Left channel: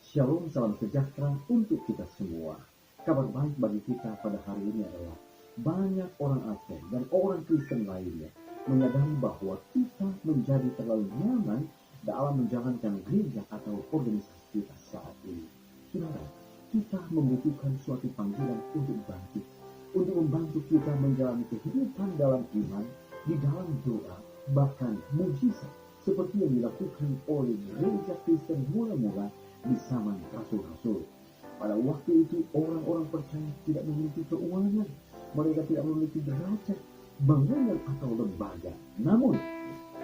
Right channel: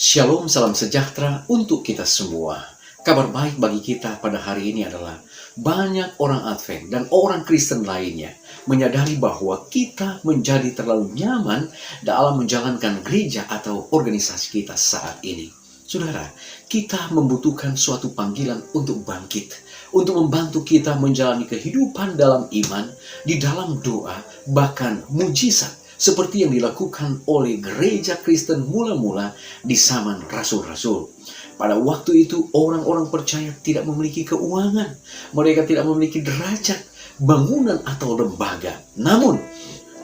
Shalom, salam sejahtera untuk kita semua. Kabar baik bagi kita pada hari ini adalah banyak orang Advent dan orang Kristen lainnya menyadari bahwa kita menjadi terlalu nyaman dalam menjalankan gereja atau organisasi kita saat ini. Saudara, kita membutuhkan suatu panggilan untuk bangkit, untuk membantu kita menjalani kehidupan dalam iman, di dalam doa, bahkan mujizat seperti yang dilakukan oleh gereja Kristen mula-mula di zaman rasul-rasul. Pada waktu itu orang-orang percaya tidak memiliki keuangan, mereka tidak memiliki derajat, bangunan atau lembaga. Namun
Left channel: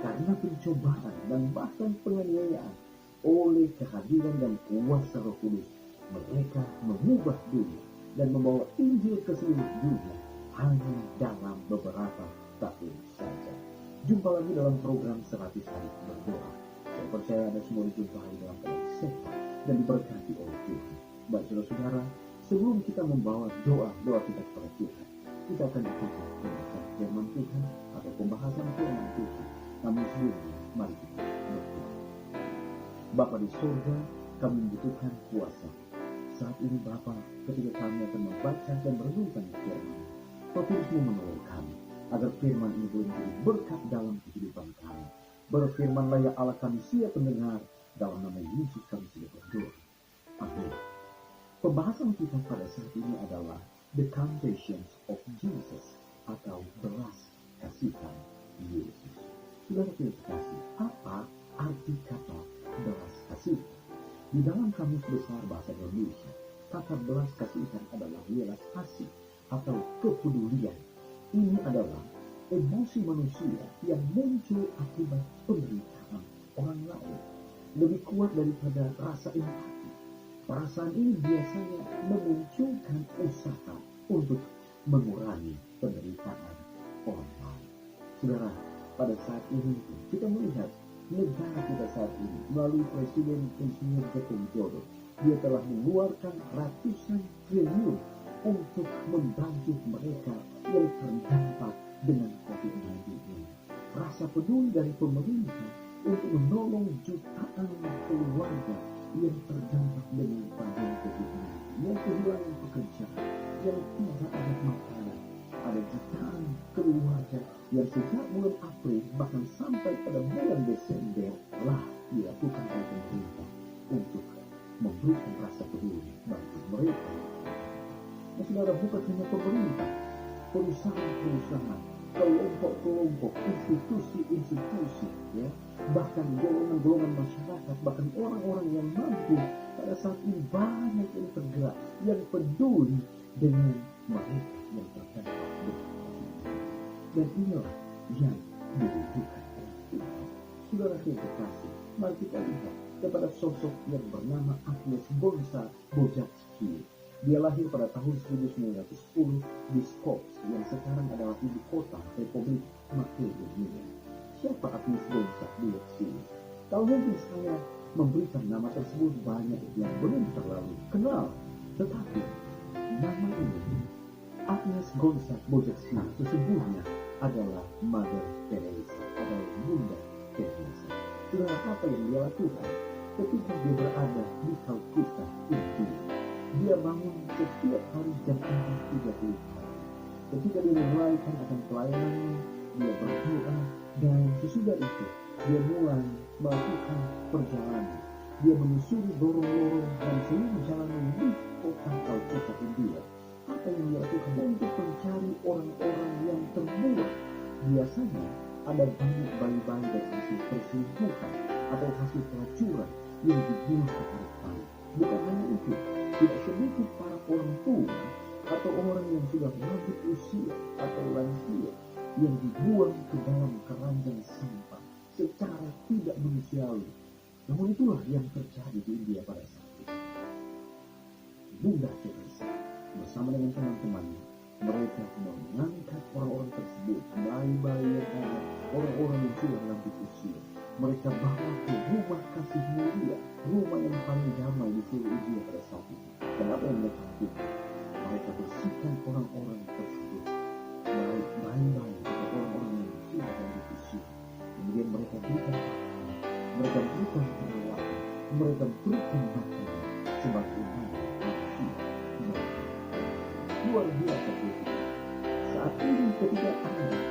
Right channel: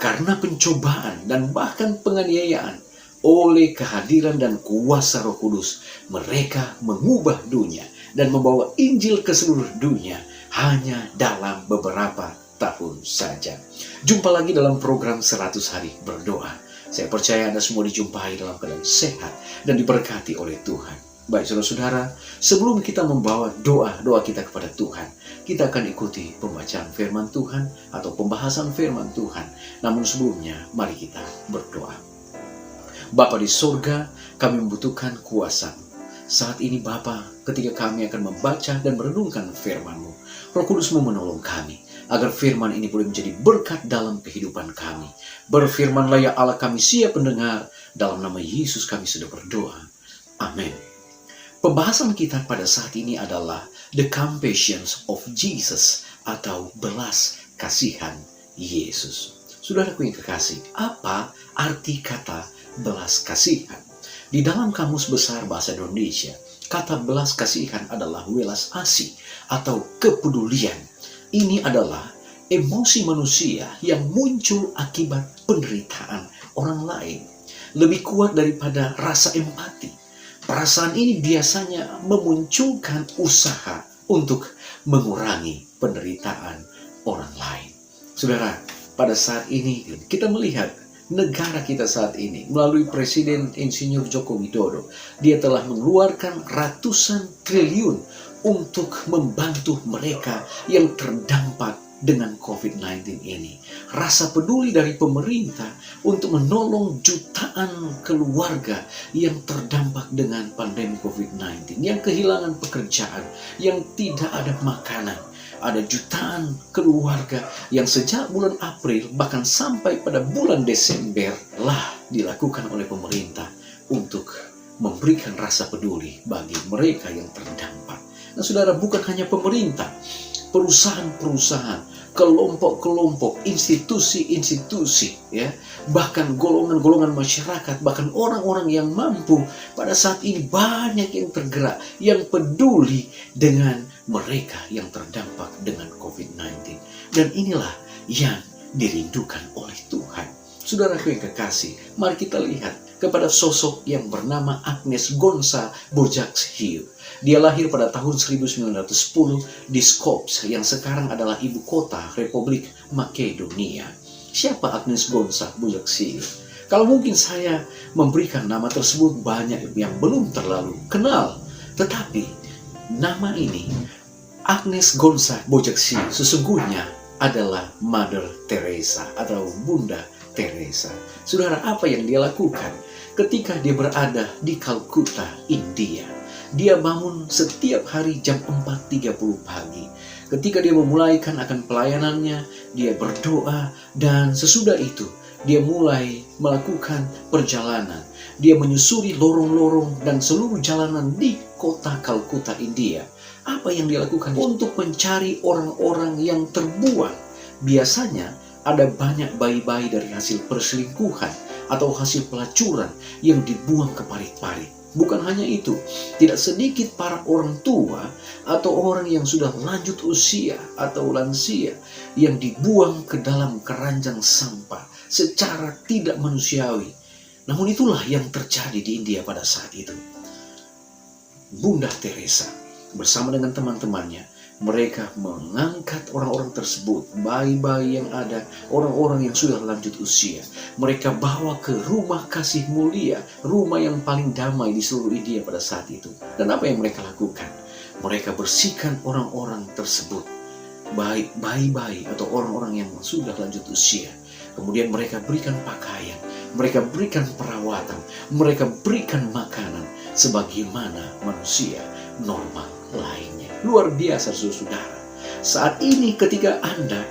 karena pencobaan dan bahkan penganiayaan, oleh kehadiran dan kuasa Roh Kudus, mereka mengubah dunia dan membawa Injil ke seluruh dunia hanya dalam beberapa tahun saja. Jumpa lagi dalam program 100 hari berdoa. Saya percaya Anda semua dijumpai dalam keadaan sehat dan diberkati oleh Tuhan. Baik saudara-saudara, sebelum kita membawa doa-doa kita kepada Tuhan, kita akan ikuti pembacaan firman Tuhan atau pembahasan firman Tuhan. Namun sebelumnya, mari kita berdoa. Bapa di surga, kami membutuhkan kuasa. Saat ini Bapa, ketika kami akan membaca dan merenungkan firman-Mu, Roh Kudus-Mu menolong kami, agar firman ini boleh menjadi berkat dalam kehidupan kami. Berfirmanlah ya Allah, kami siap mendengar. Dalam nama Yesus kami sudah berdoa. Amin. Pembahasan kita pada saat ini adalah The Compassion of Jesus atau belas kasihan Yesus. Saudaraku yang kekasih, apa arti kata belas kasihan? Di dalam Kamus Besar Bahasa Indonesia, kata belas kasihan adalah welas asih atau kepedulian. Ini adalah emosi manusia yang muncul akibat penderitaan orang lain. Lebih kuat daripada rasa empati. Perasaan ini biasanya memunculkan usaha untuk mengurangi penderitaan orang lain. Saudara, pada saat ini kita melihat negara kita saat ini melalui Presiden Insinyur Joko Widodo. Dia telah mengeluarkan ratusan triliun untuk membantu mereka yang terdampak dengan COVID-19 ini. Rasa peduli dari pemerintah untuk menolong jutaan keluarga yang terdampak dengan pandemi COVID-19, yang kehilangan pekerjaan, yang tidak ada makanan. Ada jutaan keluarga yang sejak bulan April bahkan sampai pada bulan Desember lah dilakukan oleh pemerintah untuk memberikan rasa peduli bagi mereka yang terdampak. Nah saudara, bukan hanya pemerintah, perusahaan-perusahaan, kelompok-kelompok, institusi-institusi, ya, bahkan golongan-golongan masyarakat, bahkan orang-orang yang mampu pada saat ini banyak yang tergerak, yang peduli dengan mereka yang terdampak dengan COVID-19. Dan inilah yang dirindukan oleh Tuhan. Saudaraku yang kekasih, mari kita lihat kepada sosok yang bernama Agnes Gonza Bojaxhiu. Dia lahir pada tahun 1910 di Skopje yang sekarang adalah ibu kota Republik Makedonia. Siapa Agnes Gonza Bojaxhiu? Kalau mungkin saya memberikan nama tersebut, banyak yang belum terlalu kenal. Tetapi nama ini, Agnes Gonza Bojaxhiu, sesungguhnya adalah Mother Teresa atau Bunda Teresa. Saudara, apa yang dia lakukan ketika dia berada di Calcutta, India? Dia bangun setiap hari jam 4.30 pagi. Ketika dia memulaikan akan pelayanannya, dia berdoa, dan sesudah itu dia mulai melakukan perjalanan. Dia menyusuri lorong-lorong dan seluruh jalanan di kota Calcutta, India. Apa yang dia lakukan? Untuk mencari orang-orang yang terbuang. Biasanya ada banyak bayi-bayi dari hasil perselingkuhan atau hasil pelacuran yang dibuang ke parit-parit. Bukan hanya itu, tidak sedikit para orang tua atau orang yang sudah lanjut usia atau lansia yang dibuang ke dalam keranjang sampah secara tidak manusiawi. Namun itulah yang terjadi di India pada saat itu. Bunda Teresa bersama dengan teman-temannya, mereka mengangkat orang-orang tersebut, bayi-bayi yang ada, orang-orang yang sudah lanjut usia. Mereka bawa ke rumah kasih mulia, rumah yang paling damai di seluruh India pada saat itu. Dan apa yang mereka lakukan? Mereka bersihkan orang-orang tersebut, baik bayi-bayi atau orang-orang yang sudah lanjut usia. Kemudian mereka berikan pakaian, mereka berikan perawatan, mereka berikan makanan sebagaimana manusia normal lainnya. Luar biasa saudara. Saat ini ketika Anda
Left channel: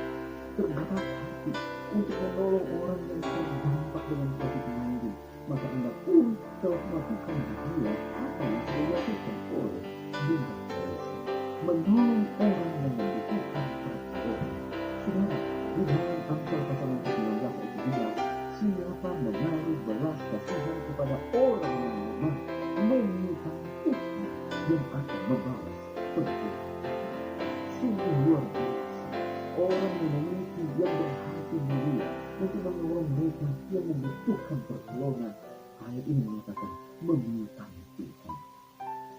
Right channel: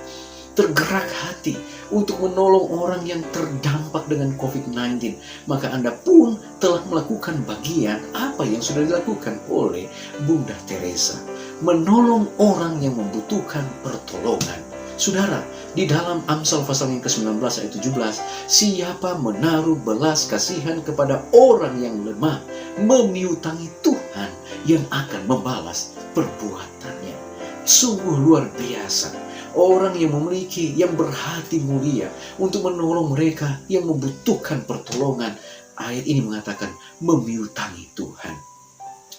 tergerak hati untuk menolong orang yang terdampak dengan COVID-19, maka Anda pun telah melakukan bagian apa yang sudah dilakukan oleh Bunda Teresa, menolong orang yang membutuhkan pertolongan. Saudara, di dalam Amsal pasal yang ke-19 ayat 17, siapa menaruh belas kasihan kepada orang yang lemah, memiutangi Tuhan yang akan membalas perbuatannya. Sungguh luar biasa. Orang yang memiliki, yang berhati mulia untuk menolong mereka yang membutuhkan pertolongan. Ayat ini mengatakan memiutangi Tuhan.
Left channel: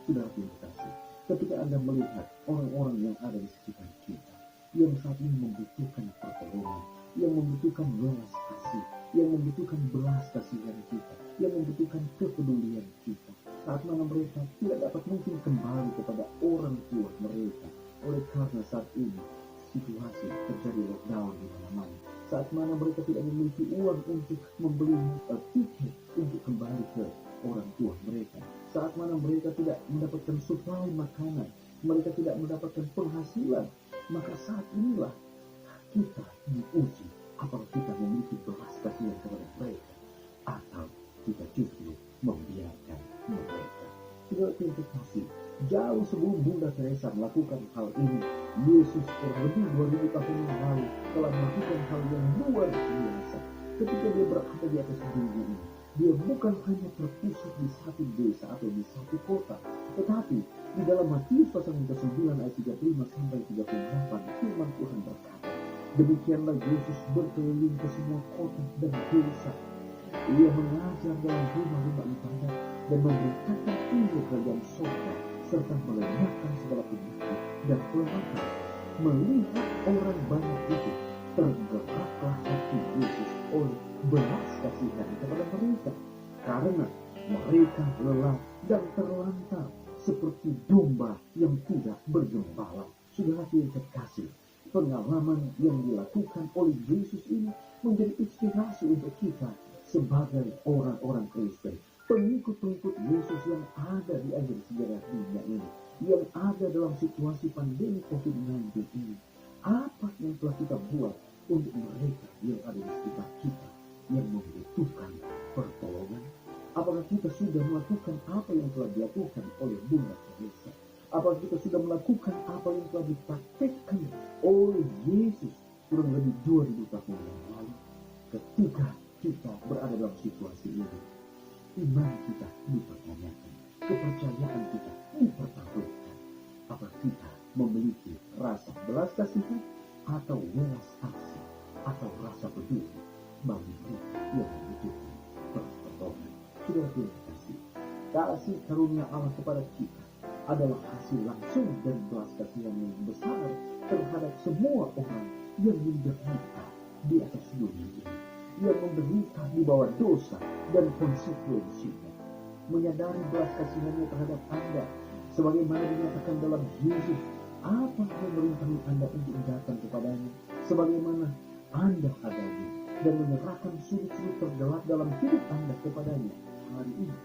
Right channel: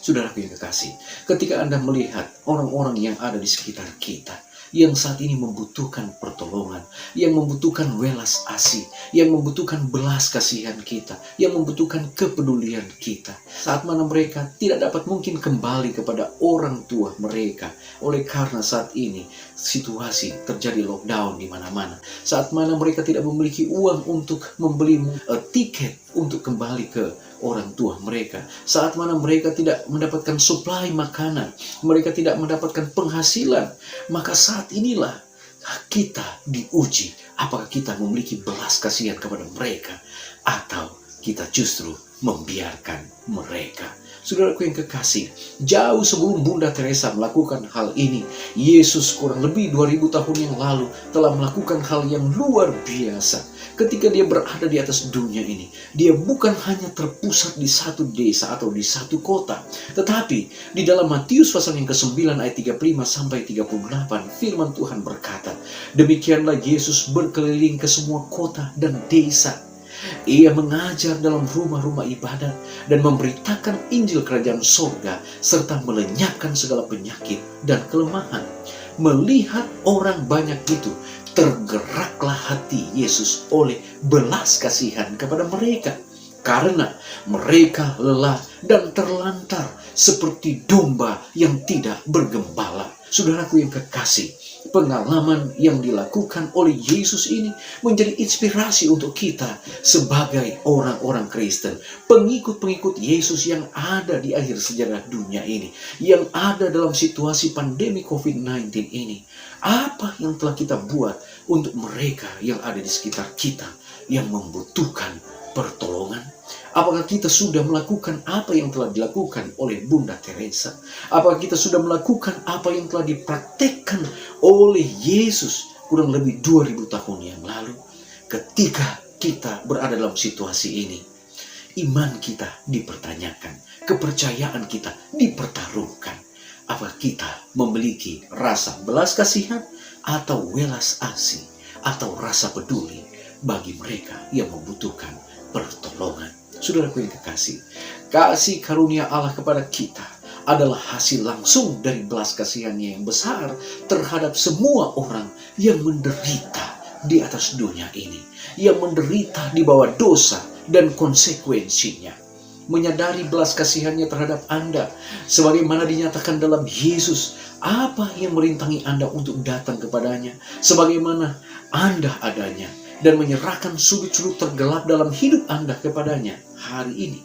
Saudaraku yang kekasih, ketika Anda melihat orang-orang yang ada di sekitar kita, yang saat ini membutuhkan pertolongan, yang membutuhkan welas asih, yang membutuhkan belas kasihan kita, yang membutuhkan kepedulian kita. Saat mana mereka tidak dapat mungkin kembali kepada orang tua mereka, oleh karena saat ini situasi terjadi lockdown di mana-mana. Saat mana mereka tidak memiliki uang untuk membeli tiket untuk kembali ke orang tua mereka. Saat mana mereka tidak mendapatkan suplai makanan, mereka tidak mendapatkan penghasilan, maka saat inilah kita diuji. Apakah kita memiliki belas kasihan kepada mereka, atau kita justru membiarkan mereka? Saudaraku yang kekasih, jauh sebelum Bunda Teresa melakukan hal ini, Yesus kurang lebih 2000 tahun yang lalu telah melakukan hal yang luar biasa. Ketika dia berada di atas dunia ini, dia bukan hanya terpusat di satu desa atau di satu kota, tetapi di dalam Matius pasal yang ke-9 ayat 35 sampai 38, firman Tuhan berkata, demikianlah Yesus berkeliling ke semua kota dan desa. Ia mengajar dalam rumah-rumah ibadat dan memberitakan Injil Kerajaan Sorga serta melenyapkan segala penyakit dan kelemahan. Melihat orang banyak itu, tergeraklah hati Yesus oleh belas kasihan kepada mereka, karena mereka lelah dan terlantar seperti domba yang tidak bergembala. Saudaraku yang kekasih, pengalaman yang dilakukan oleh Yesus ini menjadi inspirasi untuk kita sebagai orang-orang Kristen, pengikut-pengikut Yesus yang ada di akhir sejarah dunia ini, yang ada dalam situasi pandemi COVID-19 ini. Apa yang telah kita buat untuk mereka yang ada di sekitar kita yang membutuhkan pertolongan? Apakah kita sudah melakukan apa yang telah dilakukan oleh Bunda Teresa? Apakah kita sudah melakukan apa yang telah dipraktekkan oleh Yesus kurang lebih 2000 tahun yang lalu? Ketika kita berada dalam situasi ini, iman kita dipertanyakan, kepercayaan kita dipertaruhkan. Apakah kita memiliki rasa belas kasihan atau welas asih atau rasa peduli bagi mereka yang membutuhkan pertolongan? Saudaraku yang kekasih, kasih karunia Allah kepada kita adalah hasil langsung dari belas kasihannya yang besar terhadap semua orang yang menderita di atas dunia ini, yang menderita di bawah dosa dan konsekuensinya. Menyadari belas kasihannya terhadap Anda, sebagaimana dinyatakan dalam Yesus, apa yang merintangi Anda untuk datang kepadanya, sebagaimana Anda adanya, dan menyerahkan sudut-sudut tergelap dalam hidup Anda kepadanya hari ini.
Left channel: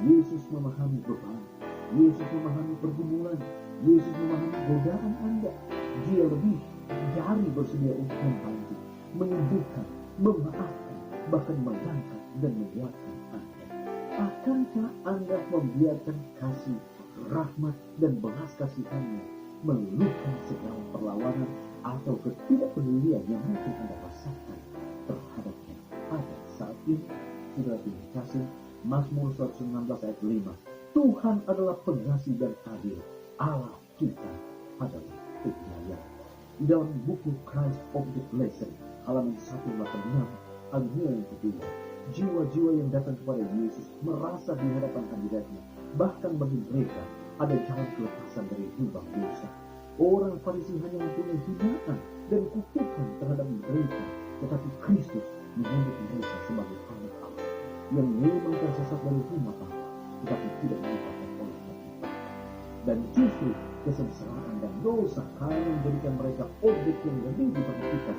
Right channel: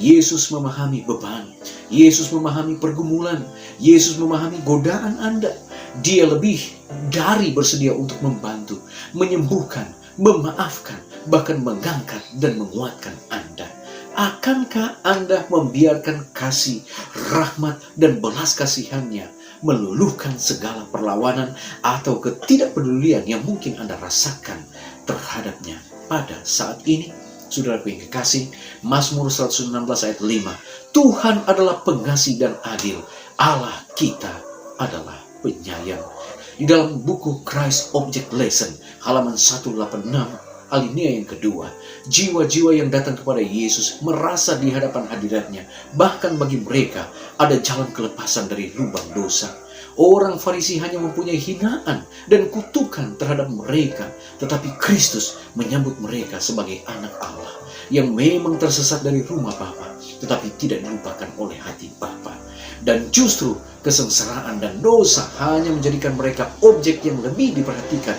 Yesus memahami beban, Yesus memahami pergumulan, Yesus memahami godaan Anda. Dia lebih dari bersedia untuk membantu, menyembuhkan, memaafkan, bahkan mengangkat dan menguatkan Anda. Akankah Anda membiarkan kasih, rahmat, dan belas kasihannya meluluhkan segala perlawanan atau ketidakpedulian yang mungkin Anda rasakan terhadapnya pada saat ini? Saudaraku yang kekasih, Mazmur 116 ayat 5, Tuhan adalah pengasih dan adil, Allah kita adalah penyayang. Di dalam buku Christ Object Lesson halaman 186 alinea yang kedua, jiwa-jiwa yang datang kepada Yesus merasa di hadapan hadiratnya, bahkan bagi mereka ada jalan kelepasan dari lubang dosa. Orang Farisi hanya mempunyai hinaan dan kutukan terhadap mereka, tetapi Kristus menyambut mereka sebagai anak Allah yang memang tersesat dari rumah Bapa, tetapi tidak dilupakan oleh hati Bapa. Dan justru kesengsaraan dan dosa hanya menjadikan mereka objek yang lebih diperhatikan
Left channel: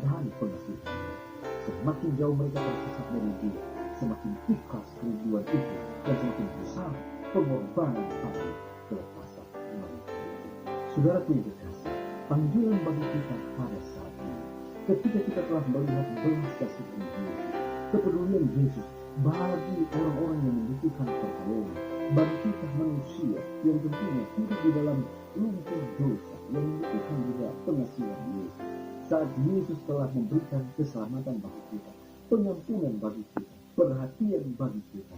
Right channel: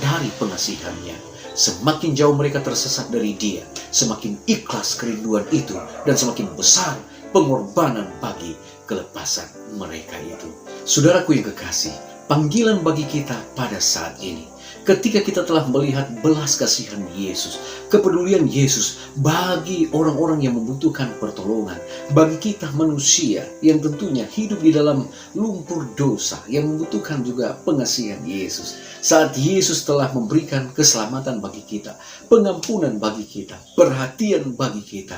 dari pengasihannya. semakin jauh mereka tersesat dari Dia, semakin ikhlas kerinduan itu, dan semakin besar pengorbanan bagi kelepasan mereka itu. Saudaraku yang kekasih, panggilan bagi kita pada saat ini, ketika kita telah melihat belas kasihan Yesus, kepedulian Yesus bagi orang-orang yang membutuhkan pertolongan, bagi kita manusia yang tentunya hidup di dalam lumpur dosa, yang membutuhkan juga pengasihan Yesus. Saat Yesus telah memberikan keselamatan bagi kita, pengampunan bagi kita, perhatian bagi kita,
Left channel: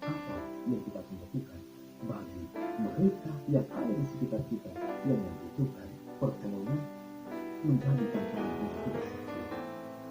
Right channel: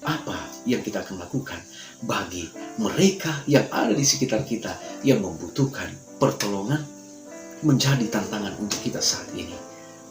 apa yang kita akan lakukan bagi mereka yang ada di sekitar kita yang membutuhkan pertolongan? Menjadi tantangan untuk kita saat ini,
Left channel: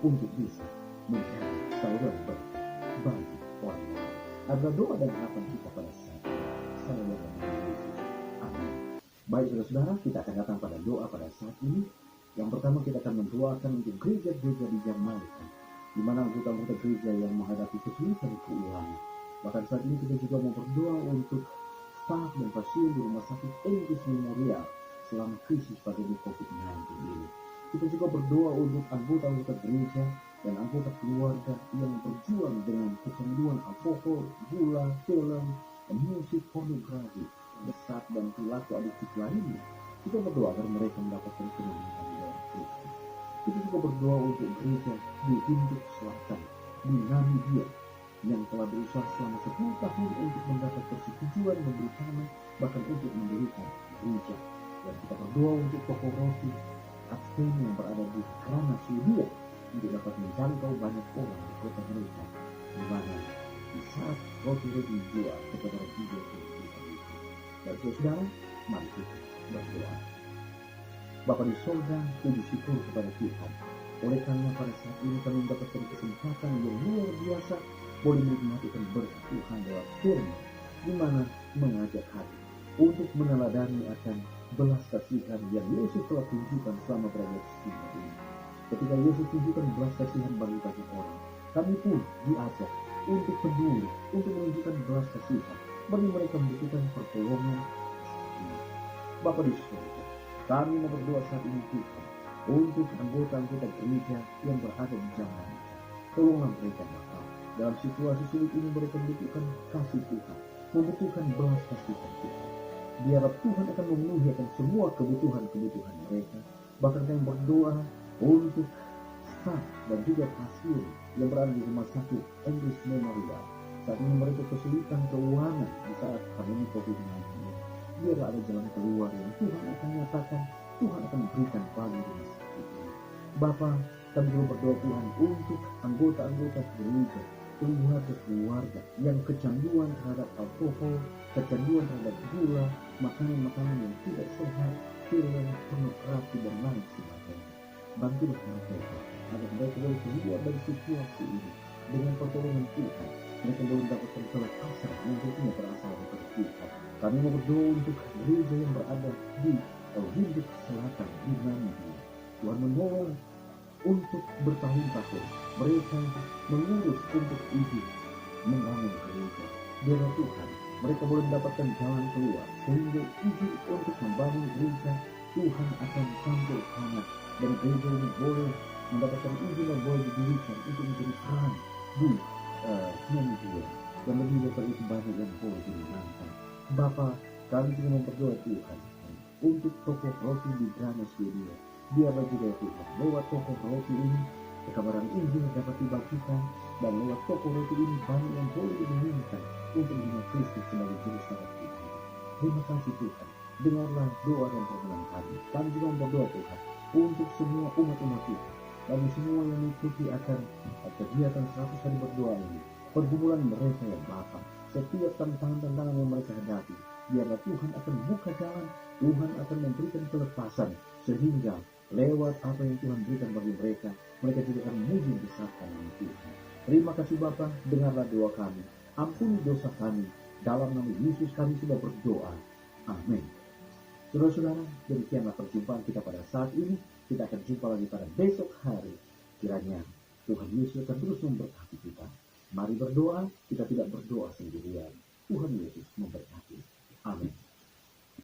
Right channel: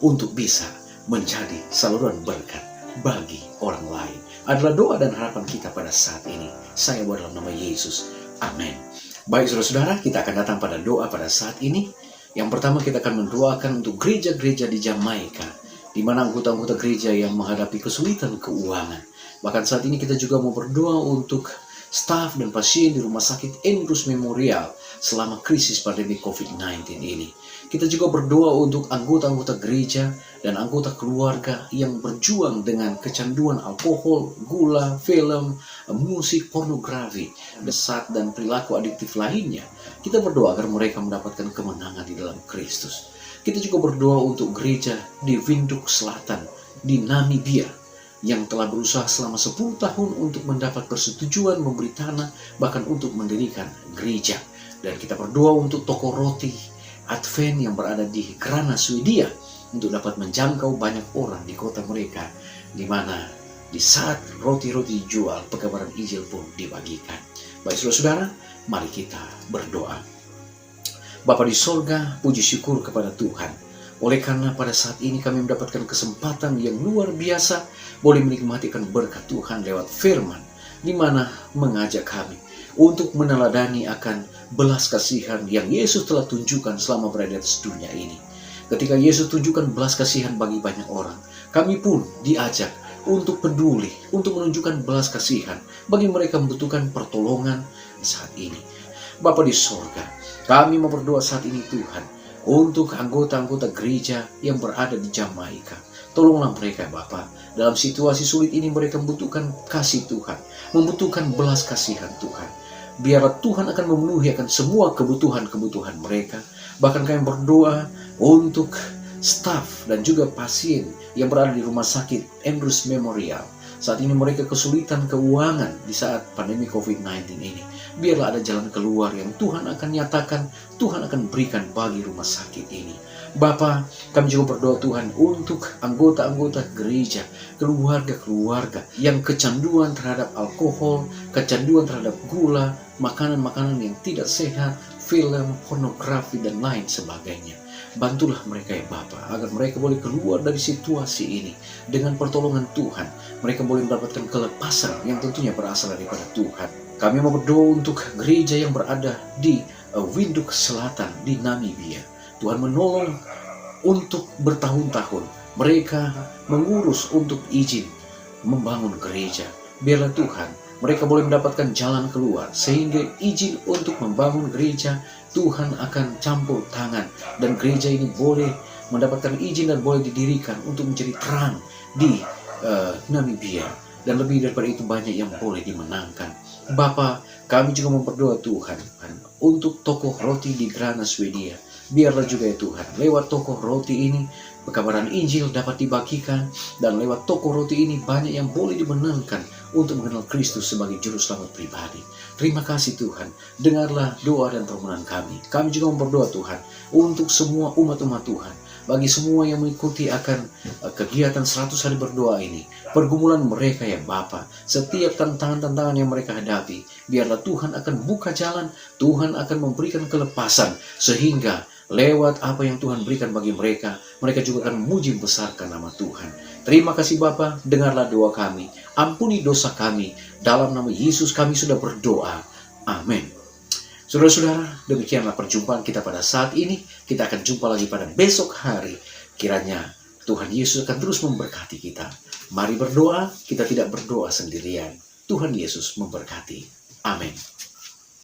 untuk bisa menjadi saluran berkat bagi orang lain. Adalah doa dan harapan kita pada saat ini. Saya berdoa dalam nama Yesus. Amin. Baik saudara-saudara, kita akan datang pada doa pada saat ini. Yang pertama, kita akan mendoakan untuk gereja-gereja di Jamaika, di mana anggota-anggota gereja yang menghadapi kesulitan keuangan. Bahkan saat ini kita juga mau berdoa untuk staf dan pasien di Rumah Sakit Andrews Memorial selama krisis pandemi COVID-19 ini. Kita juga berdoa untuk anggota-anggota gereja dan anggota keluarga yang berjuang dengan kecanduan alkohol, gula, film, musik, pornografi, desat, dan perilaku adiktif lainnya. Kita berdoa agar mereka mendapatkan kemenangan di dalam Kristus. Kita juga berdoa untuk gereja di Windhoek Selatan, di Namibia, yang telah berusaha selama 10 tahun untuk mendapat persetujuan memberi tanah, bahkan untuk mendirikan gereja. Dan kita berdoa untuk toko roti Advent yang berada di Grana, Swedia, untuk dapat menjangkau banyak orang di kota mereka, di mana di saat roti-roti dijual, pekabaran Injil pun dibagikan. Baik saudara-saudara, mari kita berdoa. Bapa di sorga, puji syukur kepada Tuhan. Oleh karena pada saat ini kami mendapatkan kesempatan yang luar biasa, boleh menikmatikan berkat Tuhan lewat firman, di mana mengajak kami untuk meneladani akan belas kasihan yang Yesus telah tunjukkan selama berada di atas dunia ini. Ketika Yesus tunjukkan belas kasihan bagi banyak orang, kami pun diajak untuk peduli, untuk menunjukkan belas kasihan bagi mereka membutuhkan pertolongan saat ini. Bapa di sorga, kami mau berdoa saat ini Tuhan, untuk anggota-anggota gereja yang berada di Jamaika. Tolonglah mereka Bapa, dalam situasi sulit ini mereka membutuhkan kasih Tuhan, membutuhkan belas kasihan Tuhan. Biarlah Tuhan akan memenuhi akan semua kebutuhan-kebutuhan mereka. Bahkan kami berdoa untuk staf dan juga pasien yang berada di Rumah Sakit Andrews Memorial. Saat ini mereka kesulitan keuangan di saat pandemi COVID-19 ini. Biarlah ada jalan keluar yang Tuhan akan nyatakan, Tuhan akan berikan bagi rumah sakit ini. Bapa, kami juga berdoa Tuhan untuk anggota-anggota gereja, keluarga-keluarga yang kecanduan terhadap alkohol, kecanduan terhadap gula, makanan-makanan yang tidak sehat, film, pornografi, dan lain sebagainya. Bantulah mereka ya Bapa, agar mereka boleh keluar dari situasi ini dengan pertolongan Tuhan. Mereka boleh mendapatkan kelepasan yang tentunya berasal daripada Tuhan. Kami mau berdoa untuk gereja yang berada di Windhoek Selatan, di Namibia. Tuhan menolong untuk bertahun-tahun mereka mengurus untuk izin membangun gereja. Biarlah Tuhan mereka boleh mendapatkan jalan keluar, sehingga izin untuk membangun gereja Tuhan akan campur tangan, dan gereja ini boleh mendapatkan izin dan boleh didirikan untuk menjadi terang di Namibia. Dan lebih daripada itu banyak yang boleh dimenangkan. Bapa, kami juga memperdoa Tuhan untuk toko roti di Grana, Swedia. Biarlah juga ya Tuhan, lewat toko roti ini pekabaran Injil dapat dibagikan, dan lewat toko roti ini banyak yang boleh dimenangkan untuk mengenal Kristus sebagai juru selamat pribadi. Terima kasih Tuhan, dengarlah doa dan permohonan kami. Kami juga memberdoa Tuhan untuk semua umat-umat Tuhan, bagi semua yang mengikuti akan kegiatan 100 hari berdoa ini, pergumulan mereka ya Bapa, setiap tantangan-tantangan yang mereka hadapi, biarlah Tuhan akan buka jalan, Tuhan akan memberikan kelepasan, sehingga lewat apa yang Tuhan berikan bagi mereka, mereka juga akan memuji besarkan nama Tuhan. Terima kasih Bapa, dengarlah doa kami, ampuni dosa kami, dalam nama Yesus kami sudah berdoa. Amin. Saudara-saudara, demikianlah perjumpaan kita pada saat ini. Kita akan jumpa lagi pada besok hari. Kiranya Tuhan Yesus akan terus memberkati kita. Mari berdoa, kita tidak berdoa sendirian. Tuhan Yesus memberkati. Amin.